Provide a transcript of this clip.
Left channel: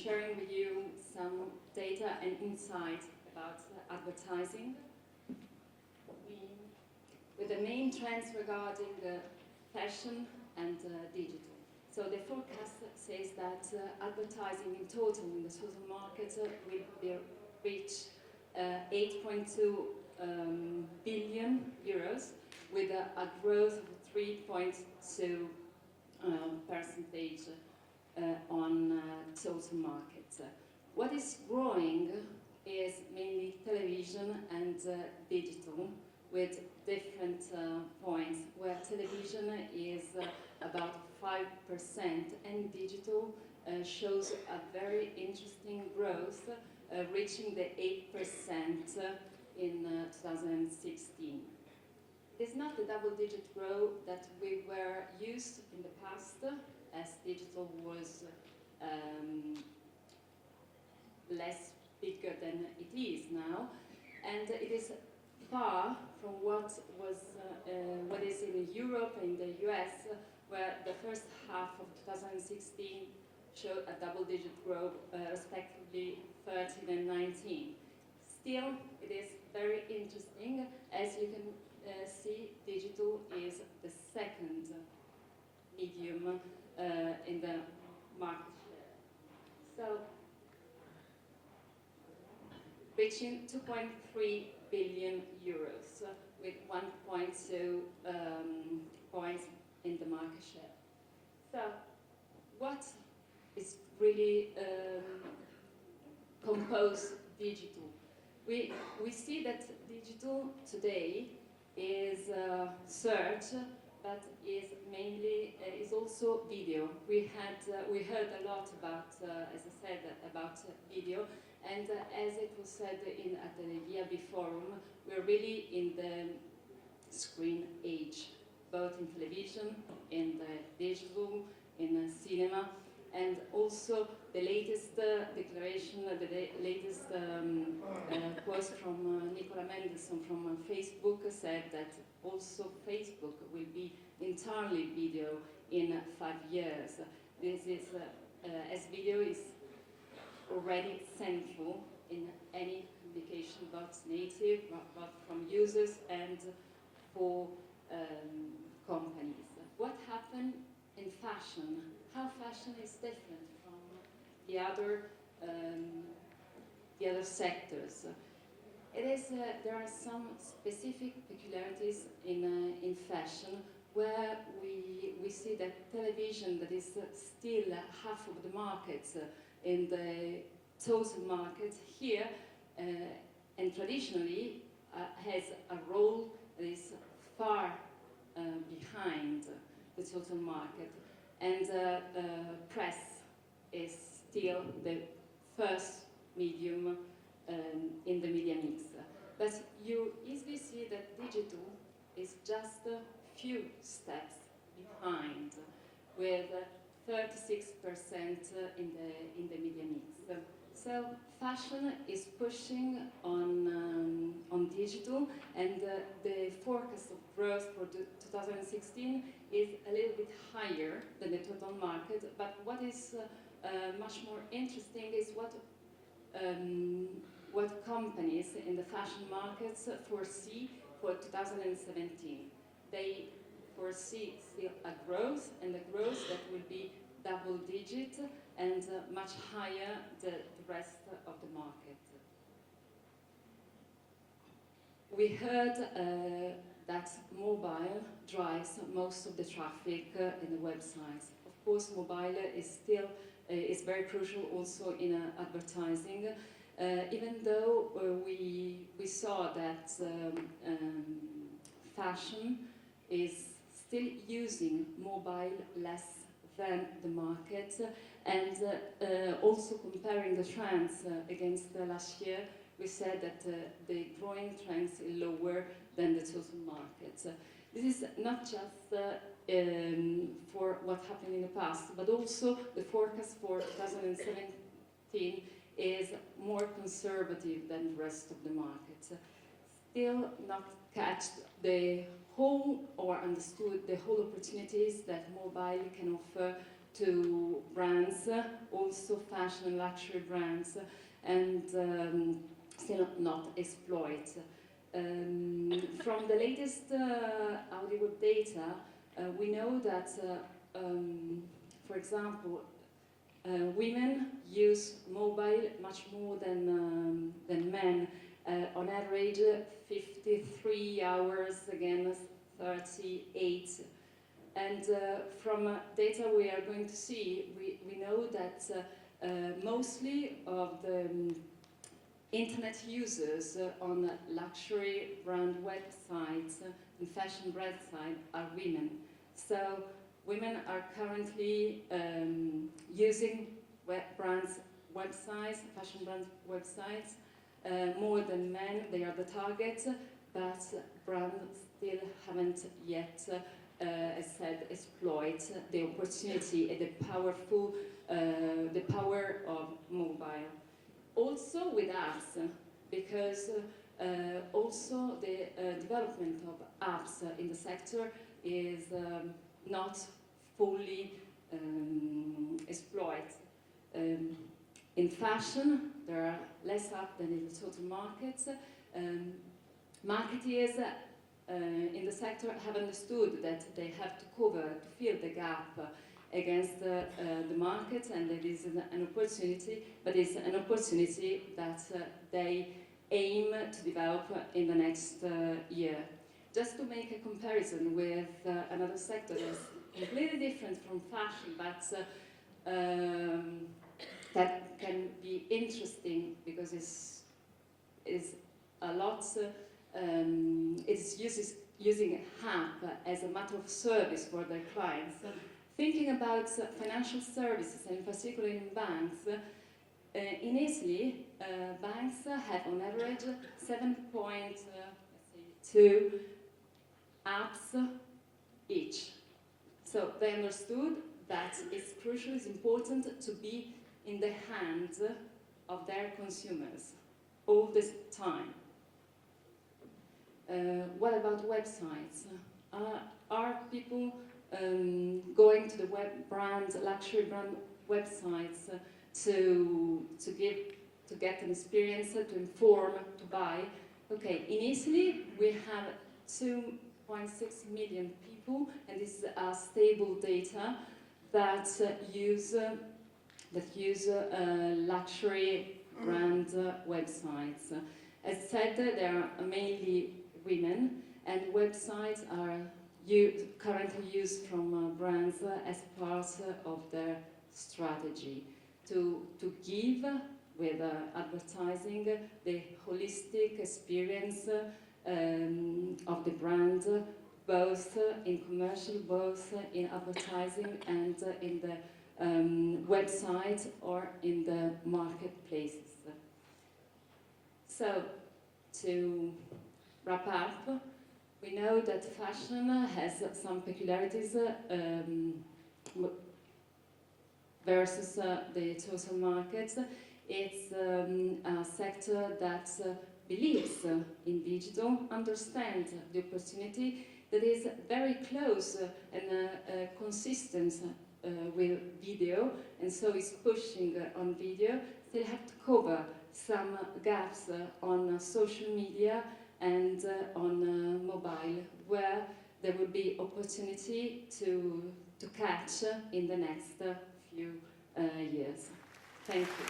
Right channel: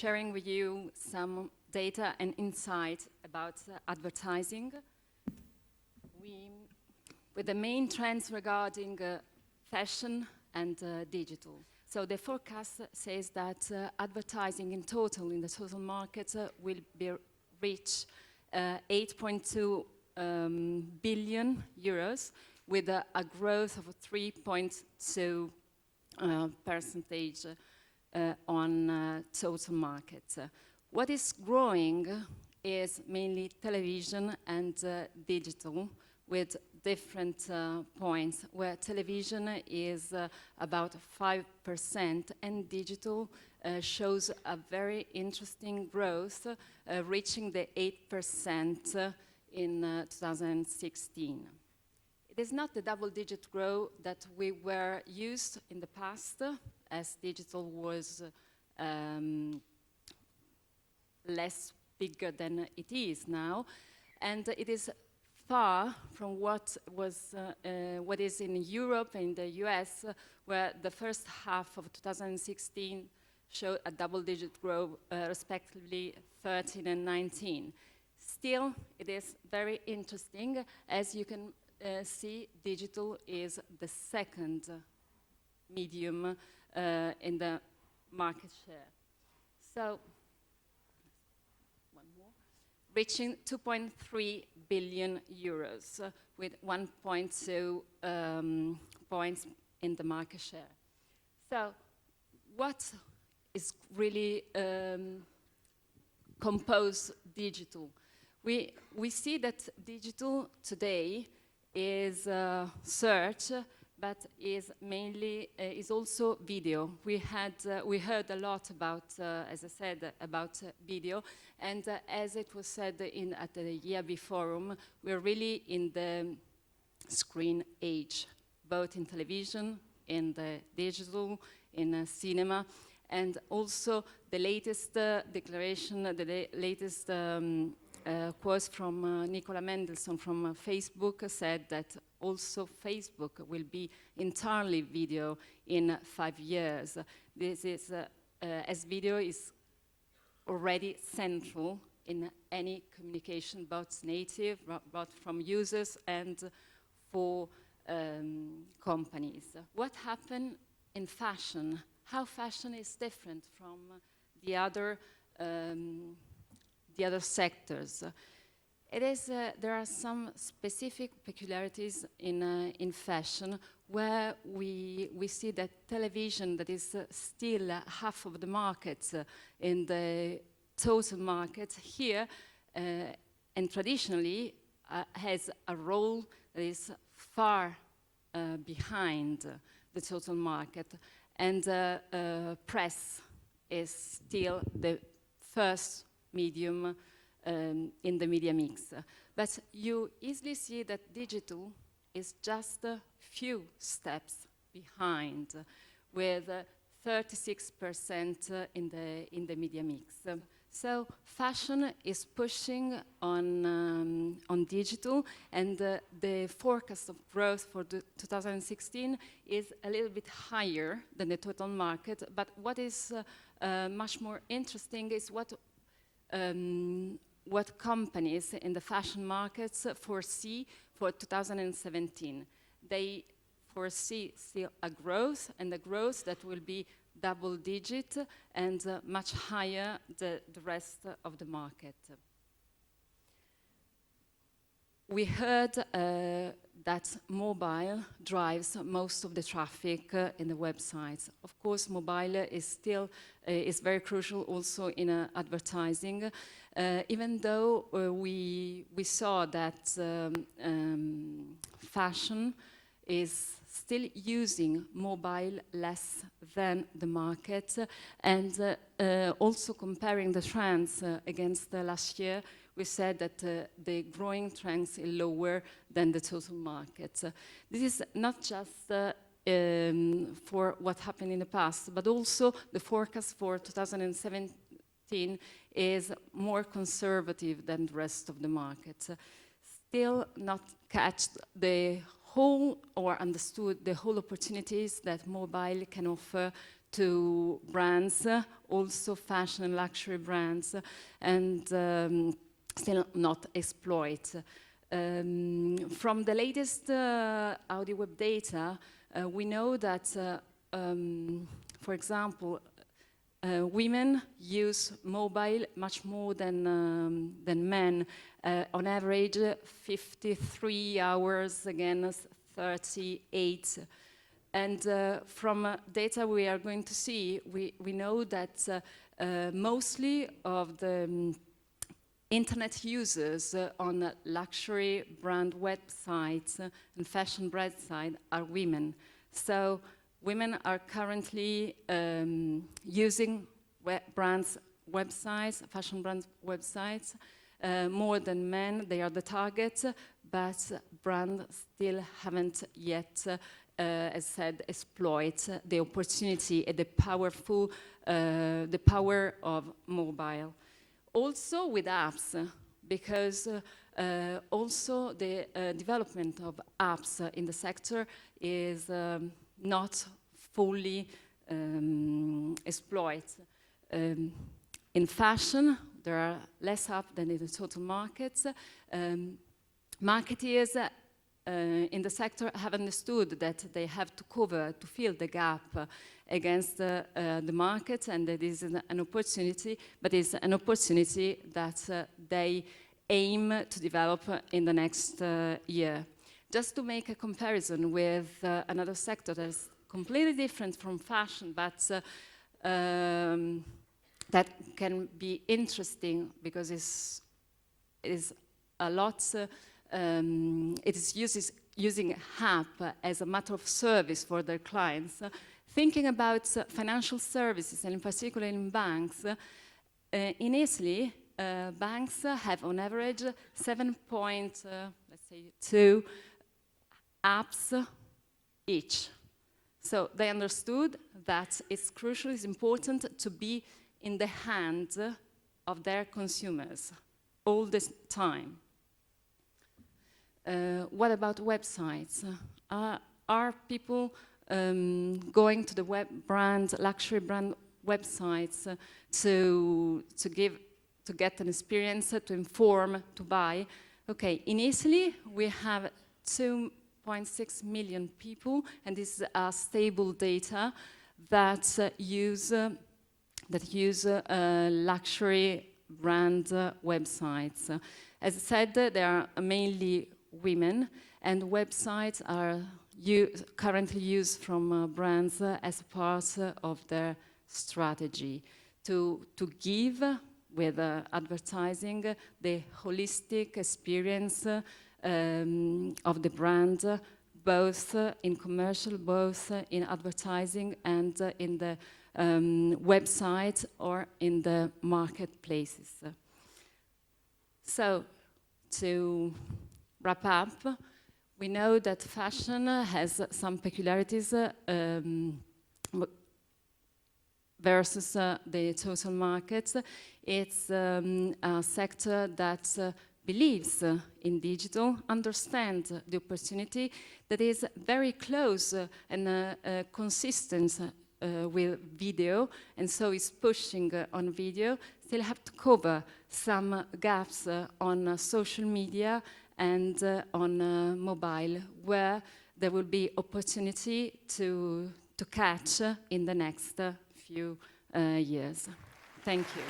sharing with you some data and insight about advertising, with the main trends regarding fashion and digital. So the forecast says that advertising in total, in the total market, will reach 8.2 billion euros with a growth of 3.2 percentage on total market. What is growing is mainly television and digital, with different points, where television is about 5% and digital shows a very interesting growth, reaching the 8% in 2016. It is not the double-digit growth that we were used in the past, as digital was less bigger than it is now, and it is far from what is in Europe and the US, where the first half of 2016 showed a double-digit growth, respectively 13 and 19. Still, it is very interesting. As you can see, digital is the second medium in the market share. So, reaching 2.3 billion euros with 1.2 points in the market share. So, what is really composed digital? We see that digital today is search, but is mainly is also video. We heard a lot about, as I said, about video. And as it was said at the EIB forum, we're really in the screen age, both in television, in the digital, in cinema, and also the latest declaration, the latest post from Nicola Mendelsohn from Facebook said that also Facebook will be entirely video in 5 years. This is, as video is already central in any communication, both native, both from users and for companies. What happened in fashion? How fashion is different from the other sectors? It is there are some specific peculiarities in fashion where we see that television, that is still half of the market in the total market here, and traditionally has a role that is far behind the total market, and press is still the first medium in the media mix. But you easily see that digital is just a few steps behind, with 36% in the media mix. So fashion is pushing on digital, and the forecast of growth for 2016 is a little bit higher than the total market. But what is much more interesting is what companies in the fashion markets foresee for 2017. They foresee still a growth, and a growth that will be double-digit and much higher than the rest of the market. We heard that mobile drives most of the traffic in the websites. Of course, mobile is still is very crucial also in advertising, even though we saw that fashion is still using mobile less than the market, and also comparing the trends against last year, we said that the growing trends is lower than the total market. This is not just for what happened in the past, but also the forecast for 2017 is more conservative than the rest of the market. Still not catch the whole or understood the whole opportunities that mobile can offer to brands, also fashion and luxury brands, and still not exploit. From the latest Audi Web data, we know that, for example, women use mobile much more than men. On average, 53 hours against 38. And from data we are going to see, we know that mostly of the internet users on luxury brand websites and fashion brand sites are women. So women are currently using brands' websites, fashion brands' websites, more than men. They are the target, but brands still haven't yet, as said, exploit the opportunity and the power of mobile. Also with apps, because also the development of apps in the sector is not fully exploited. In fashion, there are less apps than in the total markets. Marketeers in the sector have understood that they have to fill the gap against the market, and it is an opportunity, but it's an opportunity that they aim to develop in the next year. Just to make a comparison with another sector that is completely different from fashion, but that can be interesting because it's a lot. It's using app as a matter of service for their clients. Thinking about financial services, and in particular in banks, in Italy, banks have on average 7.2 apps each. So they understood that it's crucial, it's important to be in the hands of their consumers all the time. What about websites? Are people going to the luxury brand websites to get an experience, to inform, to buy? Okay, in Italy we have 2.6 million people, and this is stable data that use luxury brand websites. As I said, they are mainly women, and websites are currently used from brands as part of their strategy to give with advertising the holistic experience of the brand, both in commercial, both in advertising and in the website or in the marketplaces. So, to wrap up, we know that fashion has some peculiarities versus the total market. It's a sector that believes in digital, understands the opportunity, that is very close and consistent with video, and so is pushing on video. Still have to cover some gaps on social media and on mobile, where there will be opportunity to catch in the next few years. Thank you.